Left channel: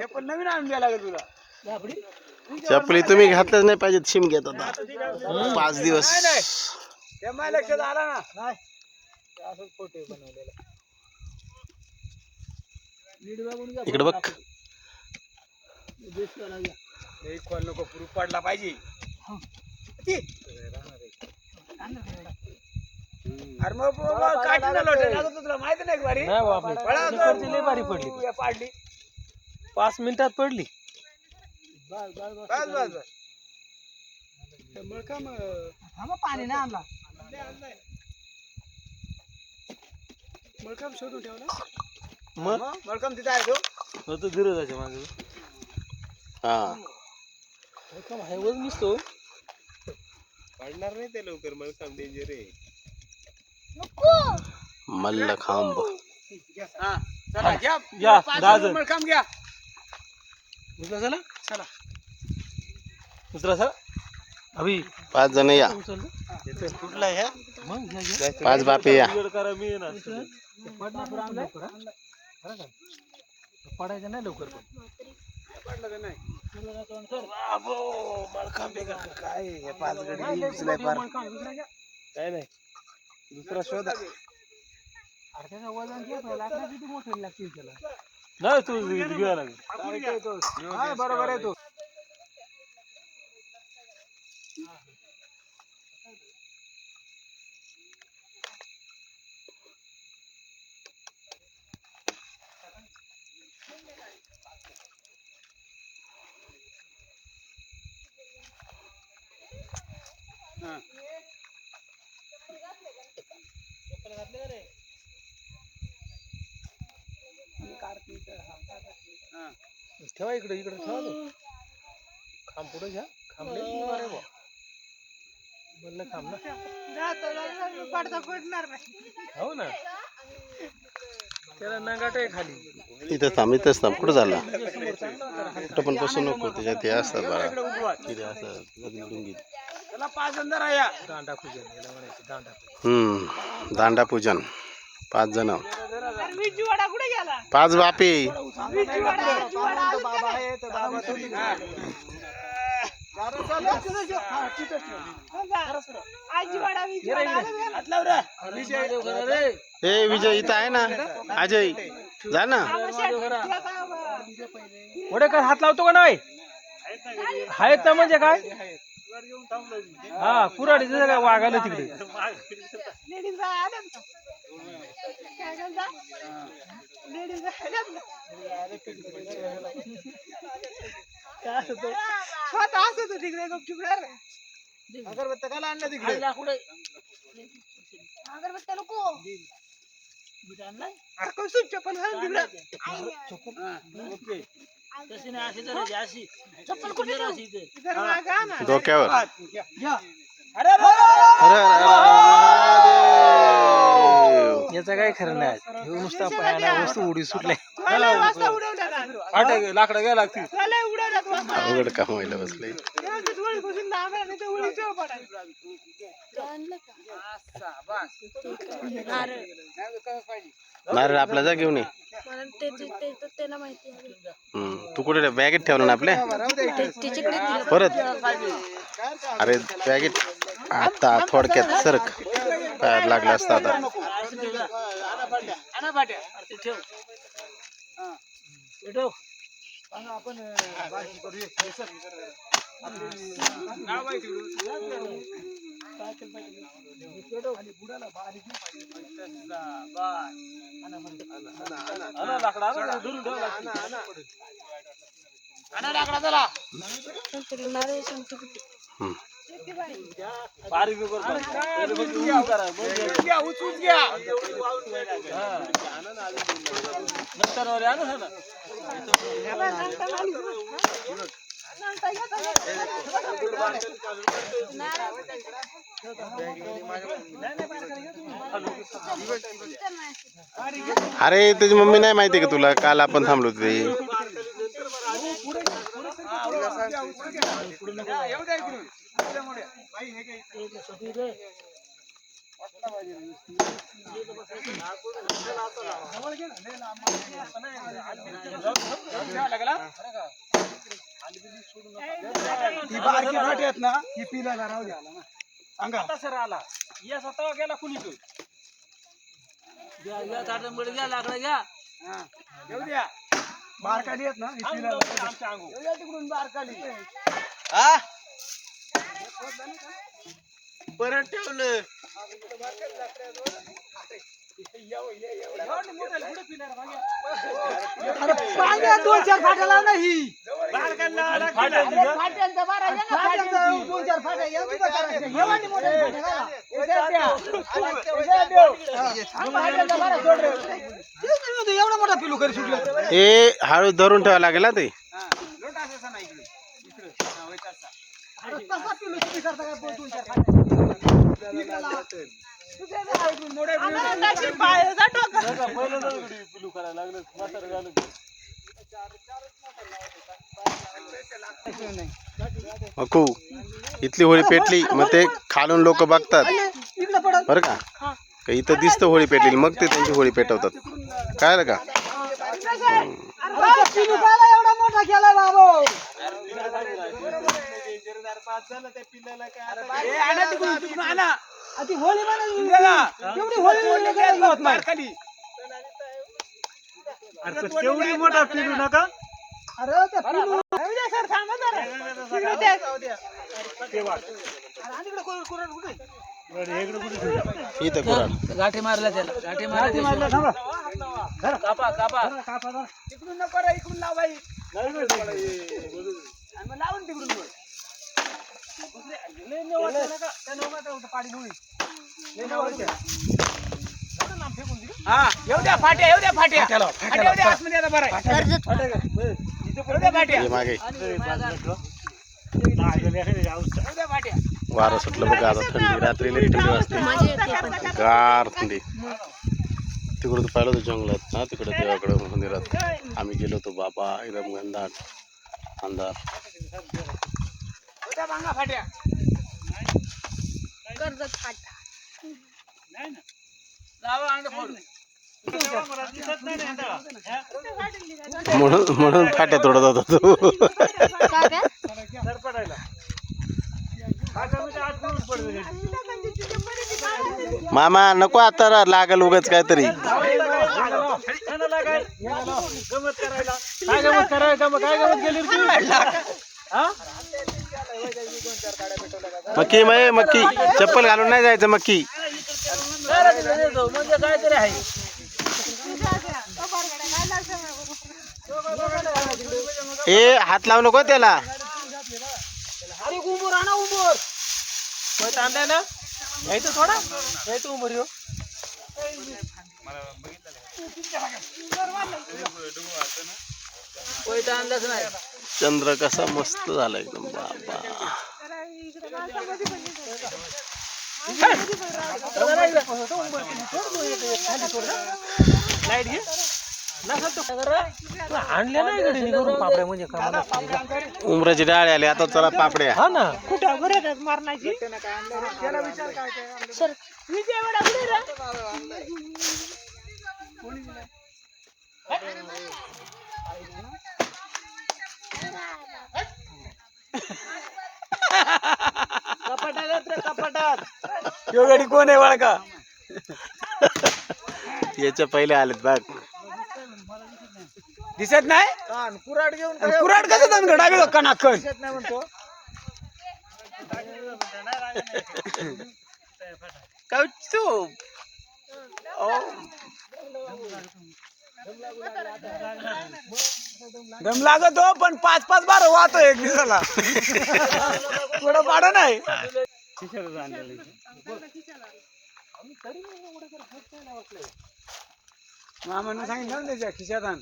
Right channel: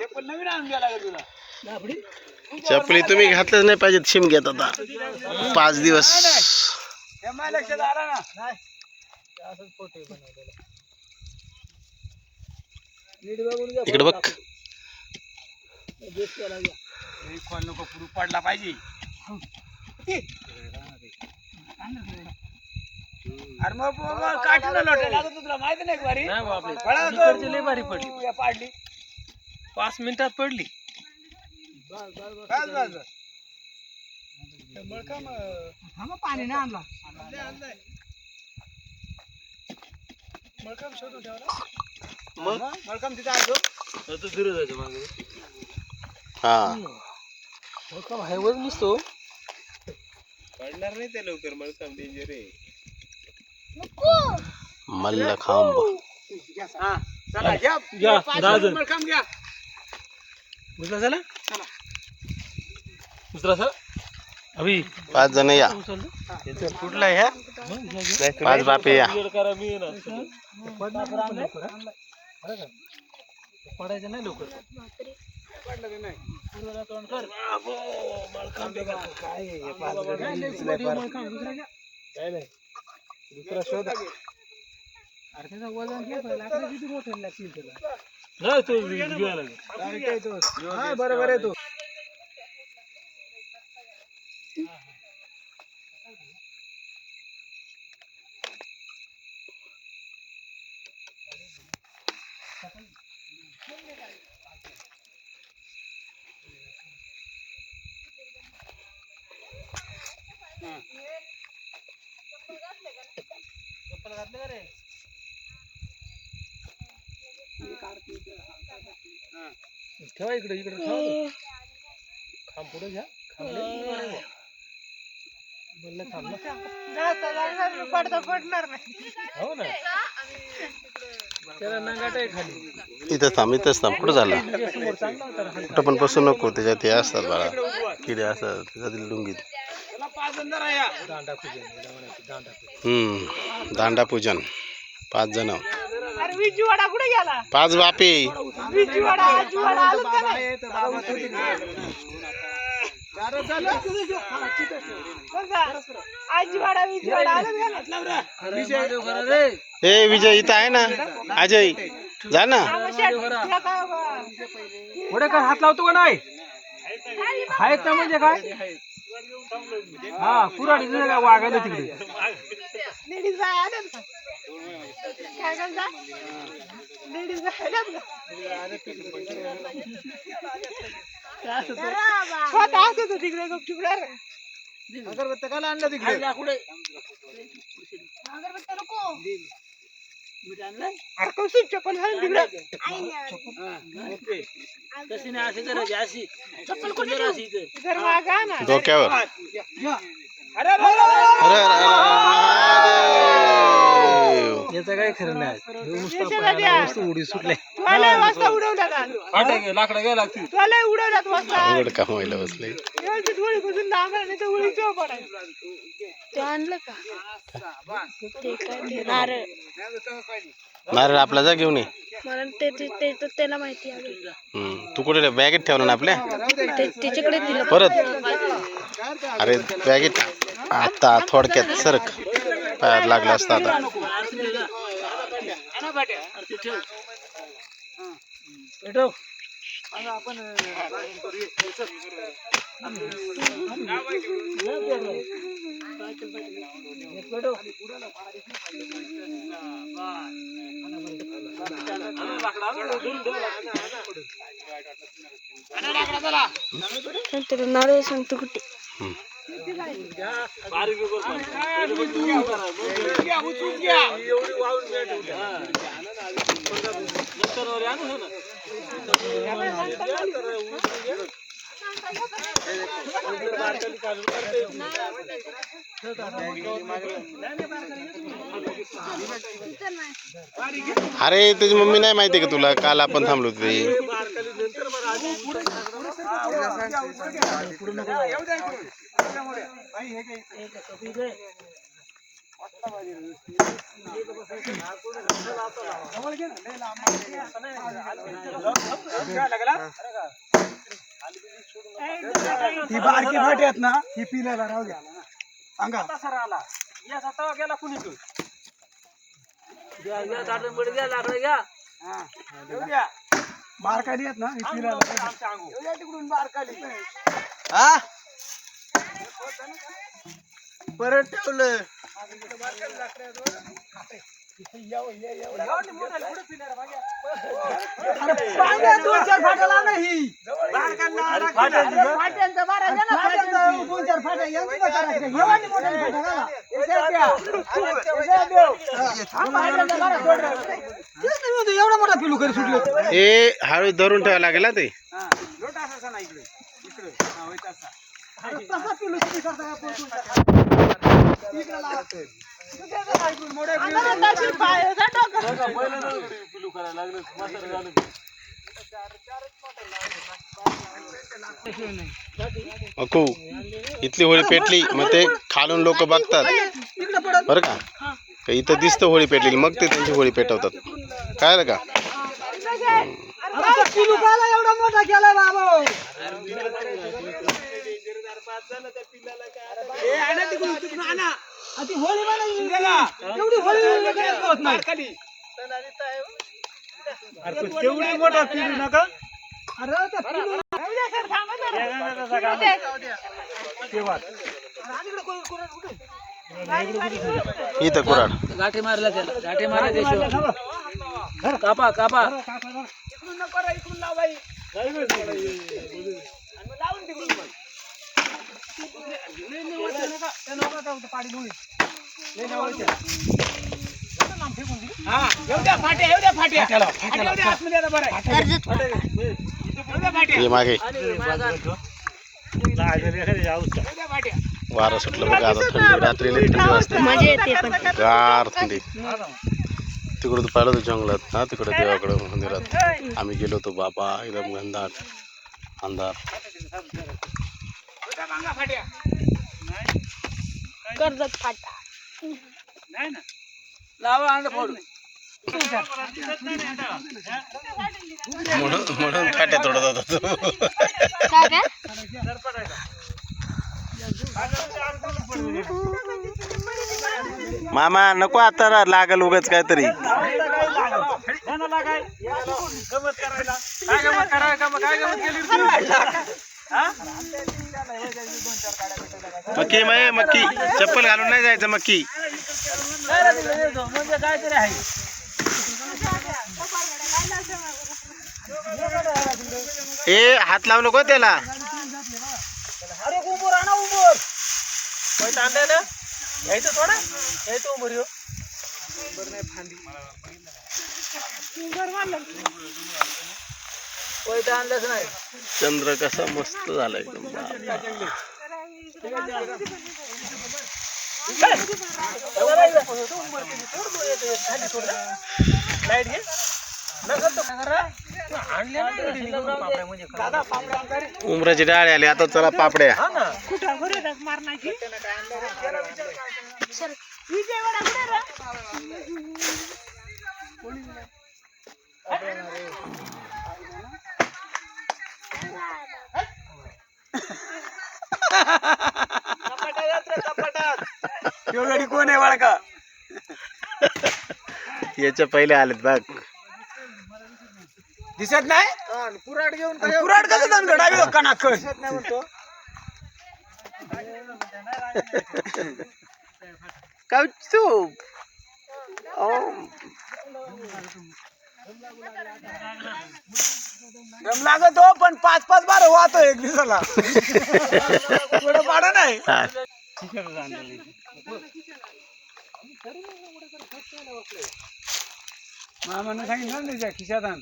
चप्पल नवीन आणून द्यायला लागेल तुला. चपली तुम्ही घातलंच नाही पाहिजे शिमग्यात आता 5 दिवस. ते माझ्या लक्षात आलं ना. नाही असंच फोटो बनवलेला. नीट बघून घ्या. इकडे बघ. खोल नको पुरू पडला पाहिजे. अरे मग काठीला लोटे लागत तुला माहिती नाही बारी. नाही बापरे इकडची लय भारी पडली. पाडली 5 मिनिटात पडली. बस बस बस. पाणी ना आणला. मग मलकम तिथे आहे तो. तो दूर जायचं मागे. हा मलकम हायवर निसतो. पडणार नाही ते लवकर. मलकम डेंजर आहे. मल्लखांब. हा चला घ्या घ्या, दादर. मलकम घ्या. उचला चला. चला उचला चला. अभि 5 जण या. कुठला ह्या 5 बापे या. पडायचं नाही लवकर. पडलं नाही. काय नाही दुसरा शोध. अरे त्याचा वजन किती मोठं लागतील त्याला. नाही तो घ्यायला लागेल. हा बरोबर आहे तो. चप्पल घातले का रे. ठेवा इकडे इकडे ठेवा. खांब पुढे घ्या. खांबले बोललं थांब ना. पडणार नाही. हो ना त्याला नंगाट आहे खाली. इथं थांब इथंच थांब. कुठं झाला कुठं पण बसू नको. त्याच्यात हे असतात बाळा किडे असतात त्याच्यातील लुंगीत. दांडा पूजन. दांडा पूजन 5 जण. विजूवाडा कुठे गेला. 5 बापे. विजूवाडा आजीवाडा विजूवाडा ए विजय इथं आहे ना. अजय जा ना. पुढे काय हात लावतो का नाही. आहेत ना म्हणजे काय. हा कुराडी काय वागायला तिकडे. तिकडे गपचूप अगरबत्त्या काला आणल्या तिकडे. अगरबत्त्या नको. चप्पल घालून तिकडे. चप्पल कोणी डोक्यावर. अरे याचा काय खरं नाही. उडी सुटले. लाकडं घ्या लागतील. अवघड काम व्हायला बसलंय. आणलं का ते काय नारळ. नारळ आपला जा घेऊन ये. मला ते त्याला माहिती आहे. तू कुठे बॅगेत ठेवलं ना आपल्या. त्याच्याकडे दिलं परत अरे बॅगेत आता थोडक्यात सरक पायात लागला असता आता. आपण नारळ सांगतो कुठे. अरे तुझी मम्मी नाही माहिती का तुला. काल आपण थांबलो तिथे. ती बारकी फाटी आहेत ना ही पिलाला राहू द्या सांगा सर आला या स्वतः गेला कुणी तो बारकाली आहेत ना ही पिलाला आमच्या अंगू तिकडून बारकाली हा परत ठेवलं दोन चार फाट्या लाव नाही एवढा मोठा पिलू करी सुटलं हे हळू धरून ठेवावं लागेल ना ते पिलू करता पिलू करायला लागलं म्हातारं झालं अकू इथली होळी पेटली मग ते खालून लोक बघतात बरं का का इथं दिसतं होळी पेटलेली मग ते त्यांची होळी पेटवतात कळलं का पिलू काला एवढा मोठा केलाय बाबा तेवढी मोठा पिलू नका इथं कुराड गाठी मारला त्याला गाठी मारला त्याशिवाय कापा कापा इकडून नको रे इकडून लाव बाई लावून तिकडून हा येऊ द्या फाट्या येऊ द्या फाट्या येऊ द्या आतमध्ये आता बरं हे मागे वारं सुटलं बघा आता थंडी रात्रीला थंडी वाजते मजा येते पण गार थंडी तिकडं तर पाहिलं होतं जंगलात ना तिकडं देवाकडं मंदिरात आम्ही गेलो होतो बाबा एकदम घनदाट अंधार कर्जत फाटा लावा अंड फोड म्हणून फाट्या तोडत होता तो काय काय मामा नको आता लागल उगाच काहीतरी मक्की मक्की चप्पल घालून नाही जायचं मक्की म्हणजे काहीतरी आहे ए हात लावू नको त्याला अरे उंबूर आणा उंबूर आणलाय घ्यायचं थोडा घ्यायचं उमर येऊ पैठ आणलंच नाही चंद्र कसा मस्त झाला एकदम बाबा लाईट घे आणले नाही म्हणजे उमराची डाळ आली आता चला पापड्या हा ना कुठं गुरात मारण्याची गडी कोण आहे बाळका याच्या पहिले आलेत बघ दिसत नाही कुराड घेऊन कुराड कसं जाऊन घडावी कणाकण कौतुक दम लागत हो पण 5-5 बार वाहतो एक दिवसाला थोडं पाडा नाही मामानं सांगितलं ना त्याच्या खिशात आण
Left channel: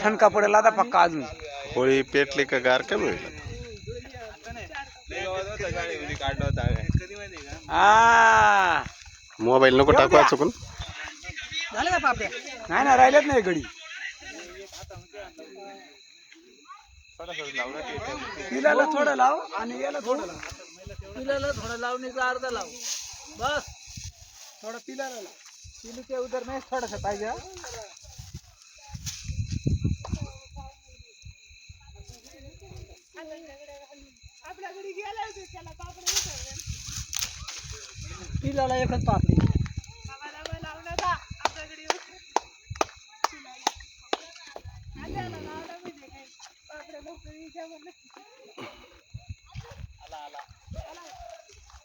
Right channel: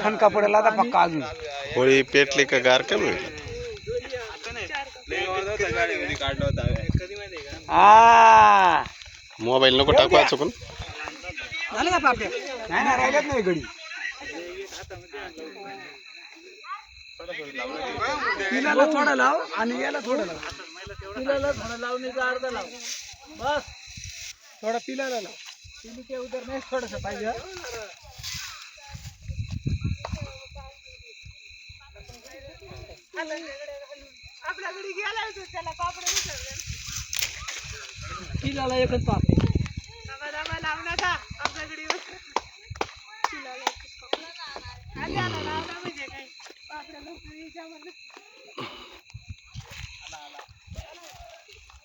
ठणका पडेल आता पक्का अजून होळी पेटली का गार कमी होईल हा मोबाईल नको टाकू चुकून झाले का पापड्या? नाही ना, राहिल्यात नाही गडी. पिलाला थोडं लाव आणि याला थोडं लाव. पिलाला थोडं लावणीचा अर्धा लाव बस. थोडं पिलाला लाव. पिली ते उदर नाही थोडस पाहिजे. आपल्याकडे गेला होता त्याला पापड विसरले. पिलाला एकच पापडी. दबा दबा लावण्याचा आपल्याकडे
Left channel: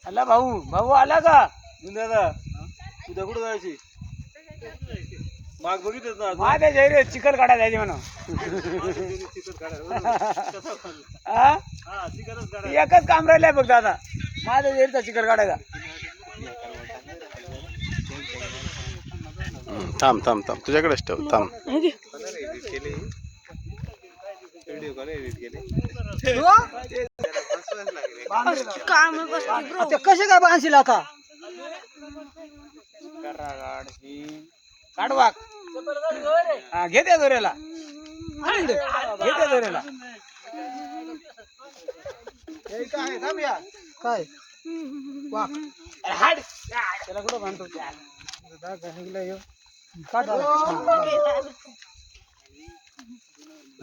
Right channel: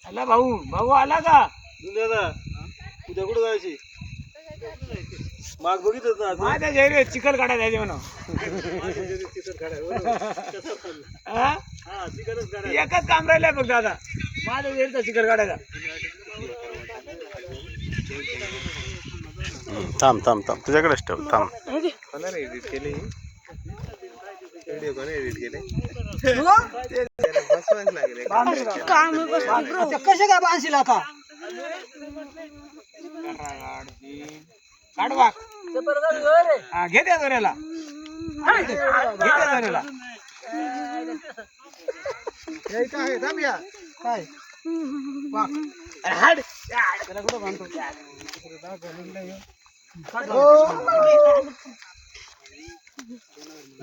आला भाऊ. भाऊ आला का? दुनियाला उद्या कुठं जायची माग बघितच ना माझ्या जैरे चिकन काढा जायचे म्हणून. हा? एकच काम राहिलंय बघ दादा, माझ्या जैरचा चिकन काढायचा. थांब थांब थांब, तुझ्याकडेच ठेव. थांब. कसे काय बांधशील आता? काढवा. हा, घे त्या दोऱ्याला. घे त्या दोऱ्याला. काय हाड त्याला कुठं बांधतो?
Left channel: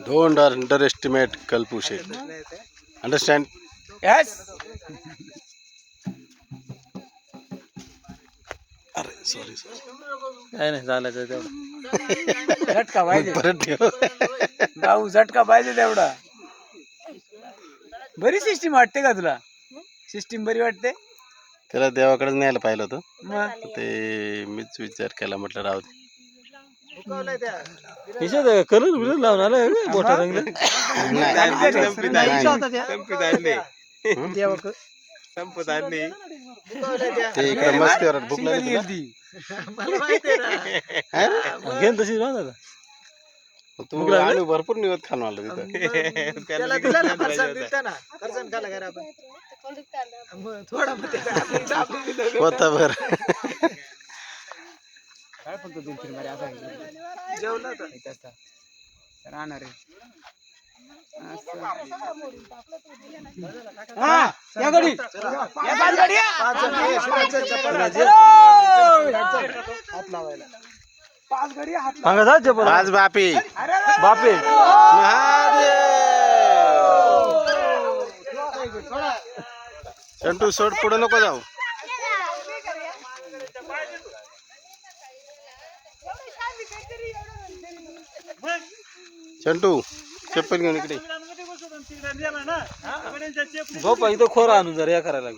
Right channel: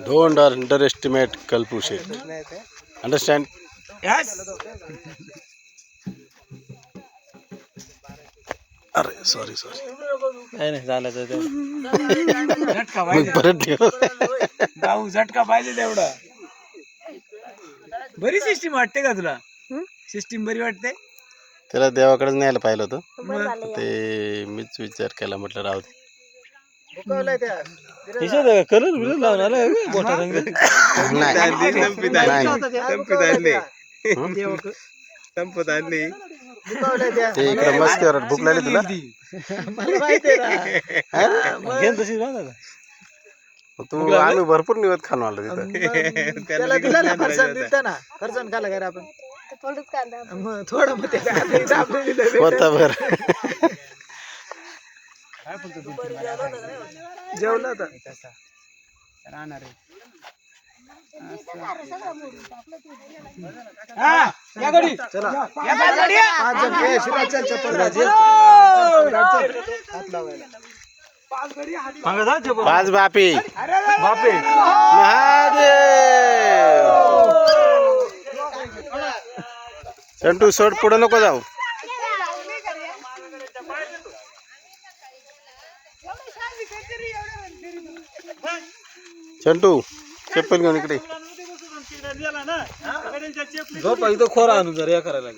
Don't under estimate कल्पू Sheth. Understand? Yes. अरे सॉरी सॉरी. नाही नाही झालं तेवढं. झटका मग पाहिजे परत ठेव. भाऊ, झटका पाहिजे तेवढं. बरी सिस्टीम वाटते का तुला? सिस्टीम बरी वाटते? त्याला देवाकडेच न्यायला पाहिलं होतं, मग ते मीच विचार केला, म्हटलं राहू दे. कलर बिलर लावून आला मोठा रंग. संपत आणली ते इकडे मस्त भूक लागली तुला. घेन तशी राहणार तू आम्ही भरपूर निवत खाऊन आलो तिथं. होता बर. जेवलं तर राहणार आहे. या गाडी, या पाच गाडी, या. पाच गाडी हात लावा. पाच बापी. बापे महादेव. चंटू सोड, पुढे नको जाऊ. चंटू चप्पल घेऊन इकडे. झोप इथं खोरा आणून जर या करायला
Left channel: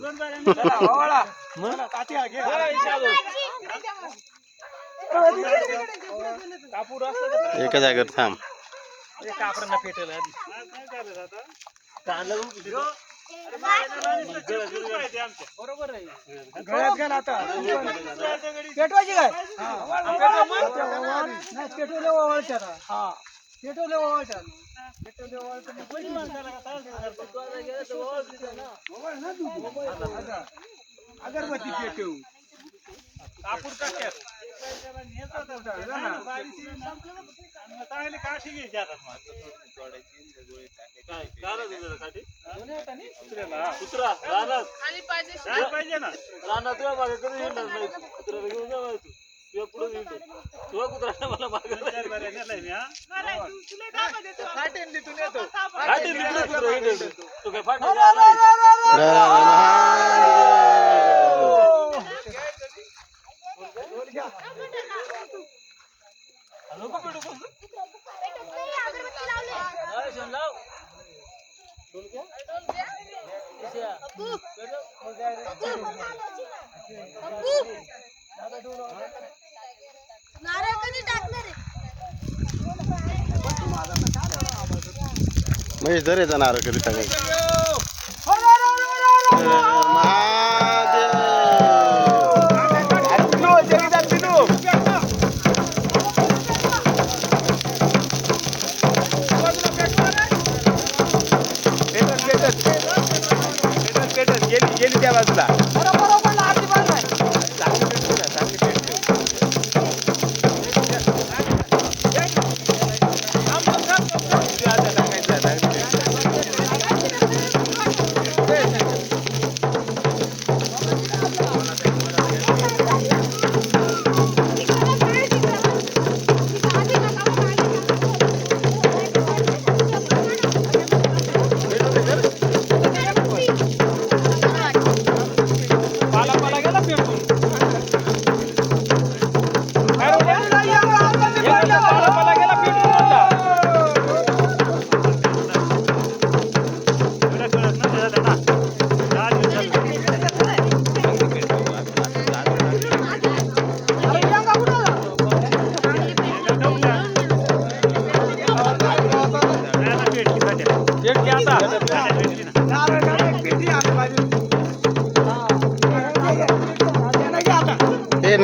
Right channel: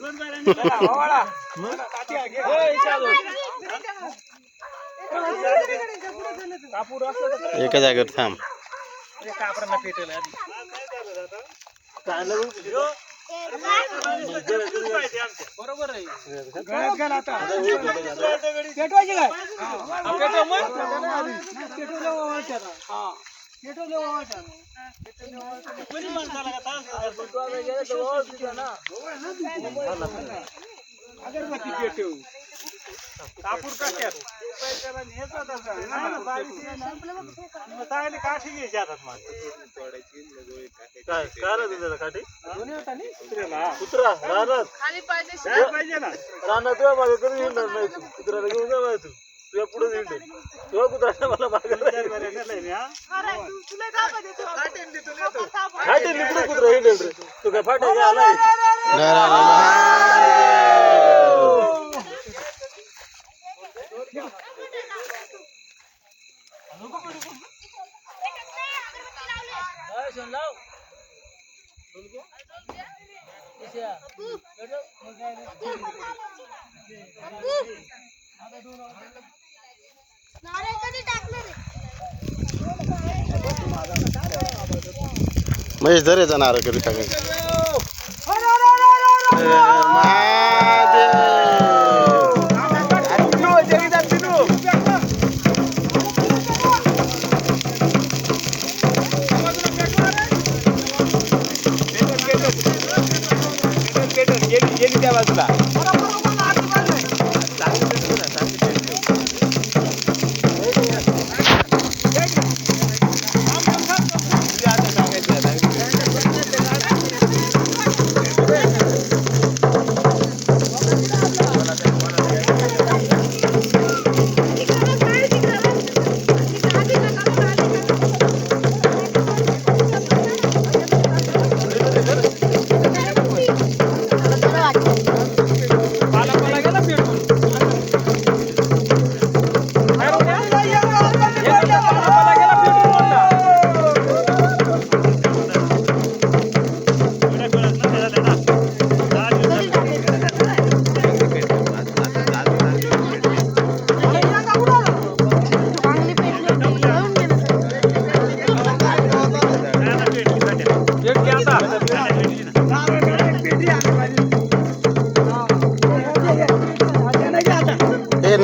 एका जागेवर थांब. बरोबर आहे. गळ्यात घाल आता. पेटवायची काय? पेटवले ओवाळतात. हा, पेटवले ओवाळतात. अगरबत्ती पेटव. कापूर काट्यात चांगली काठी घ्यायची हातात. कुत्रा रानात पाहिजे ना. रानात तुला मागं कधी हिंडणार नाही तू. कुत्र्याला घेऊन जा तू. तुझ्या पुढे हिंड. तुझ्या कुत्र्याला मला मागे खाटेल कुत्रा हिंडेल रे. तू काय फाटेल महेश धरे जाणार कधी टाकायचं. गेली त्या बाजूला.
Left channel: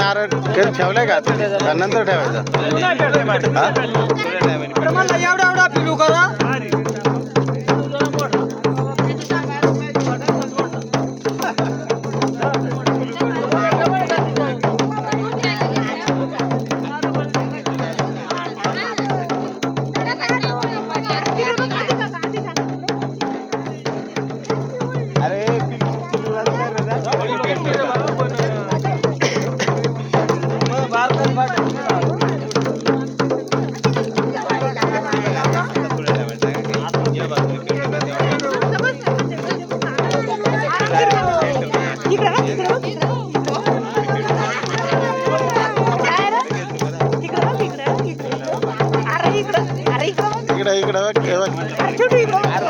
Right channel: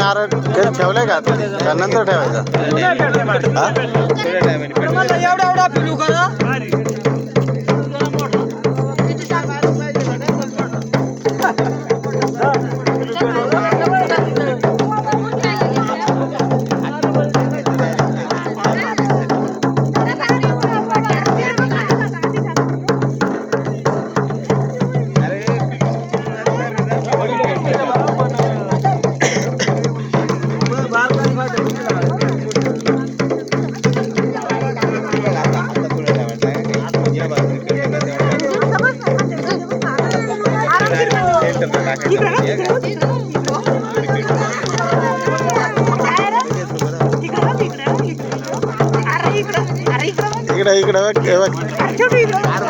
नारळ ठेवलाय का का नंतर ठेवायचा हा? एवढा एवढा पिलू करा इकडं इकडं बघ, हे बघ.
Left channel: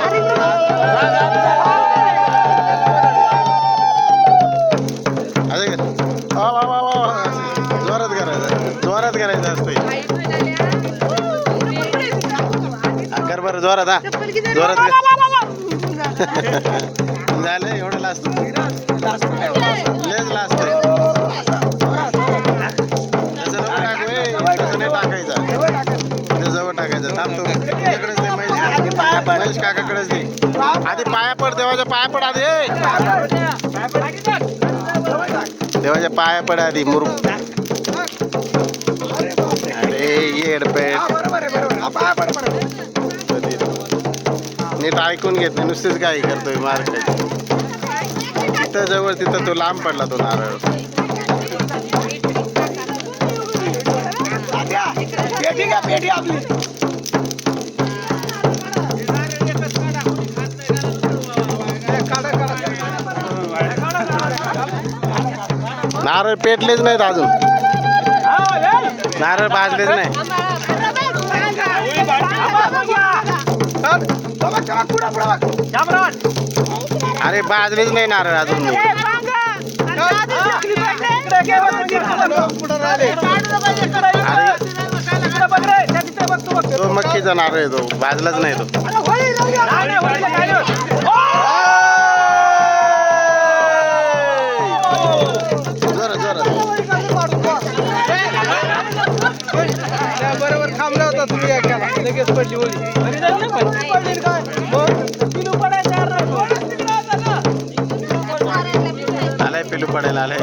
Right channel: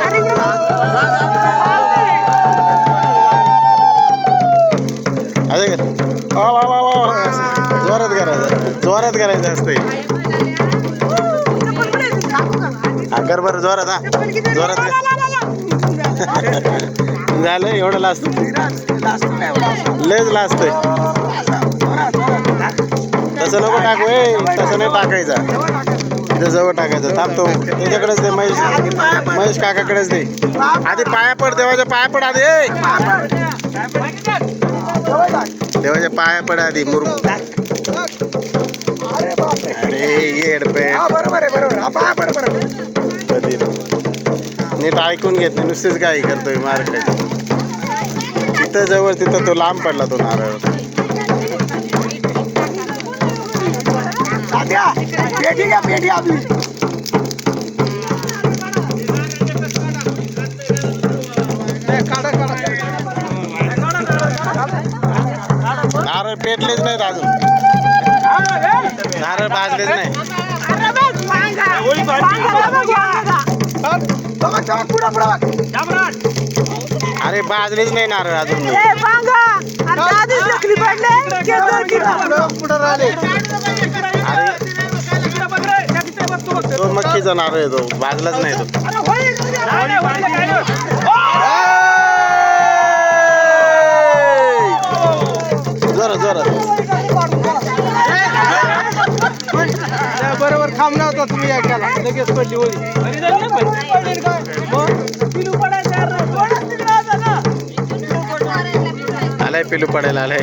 अरे वा वा वा वा जोरात करायचं असतंय कर बरं जोरात हा जोरात झालं एवढं लास्ट लेच लास्ट तसं नको टाकू तसं नाही टाकायचं ते जवळ टाकायचं थांबतो त्याच्याकडेच दे महेश काकाकडेच दे आधी पाया पड देवाच्या पाया पड आधी देवाच्या पाया पड आधी मुरू अरे येडपेट नीट ऐकून घेत नाही नुसतेच काही करतोय मार काय तिथं जवळ तिथं तो लांब पडला तो नारळ नारळ पेटलेच नाहीत अजून नारळ भाजलेच नाही अरे भाजलेच नाही नारळ अजून तो मक्कीचा नारळ आहे तो भाजलाच नाही तो जोरात जोरात बरोबर थांबला होता तुम्ही एकाला लगेच पडली होळी आलाय पिलू पडायला आलाय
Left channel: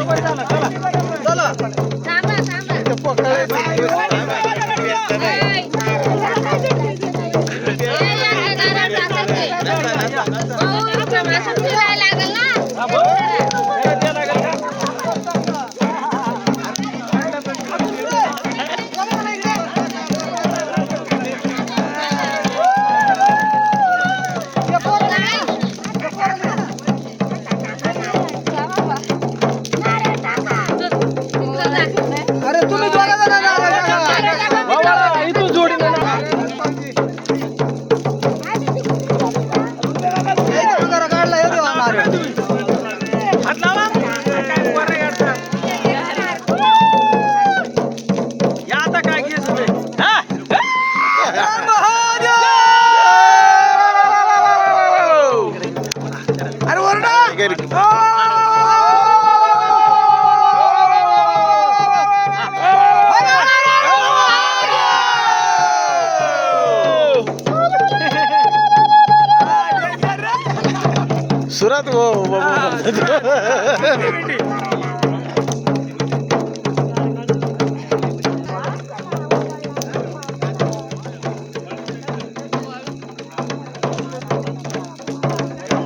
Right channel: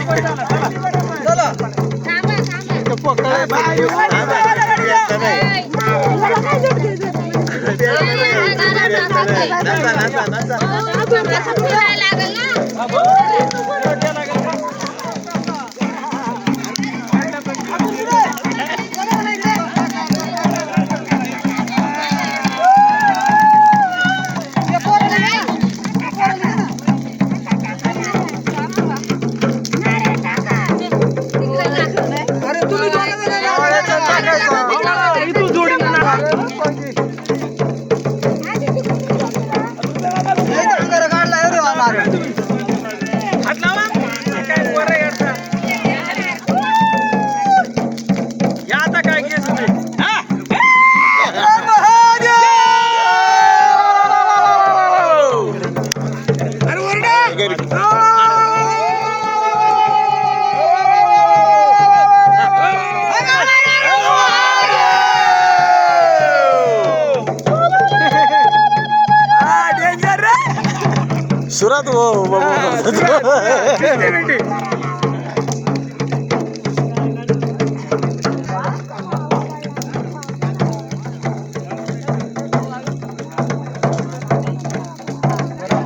सुरत वो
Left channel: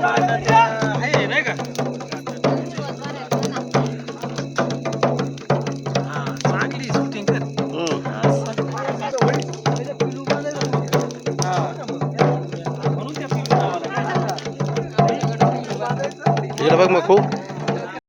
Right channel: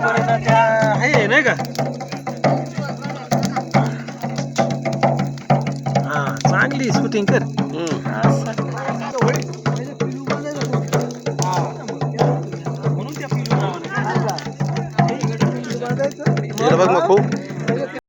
नाही का चांगली शूटिंग कर इकडे बघ मग खूप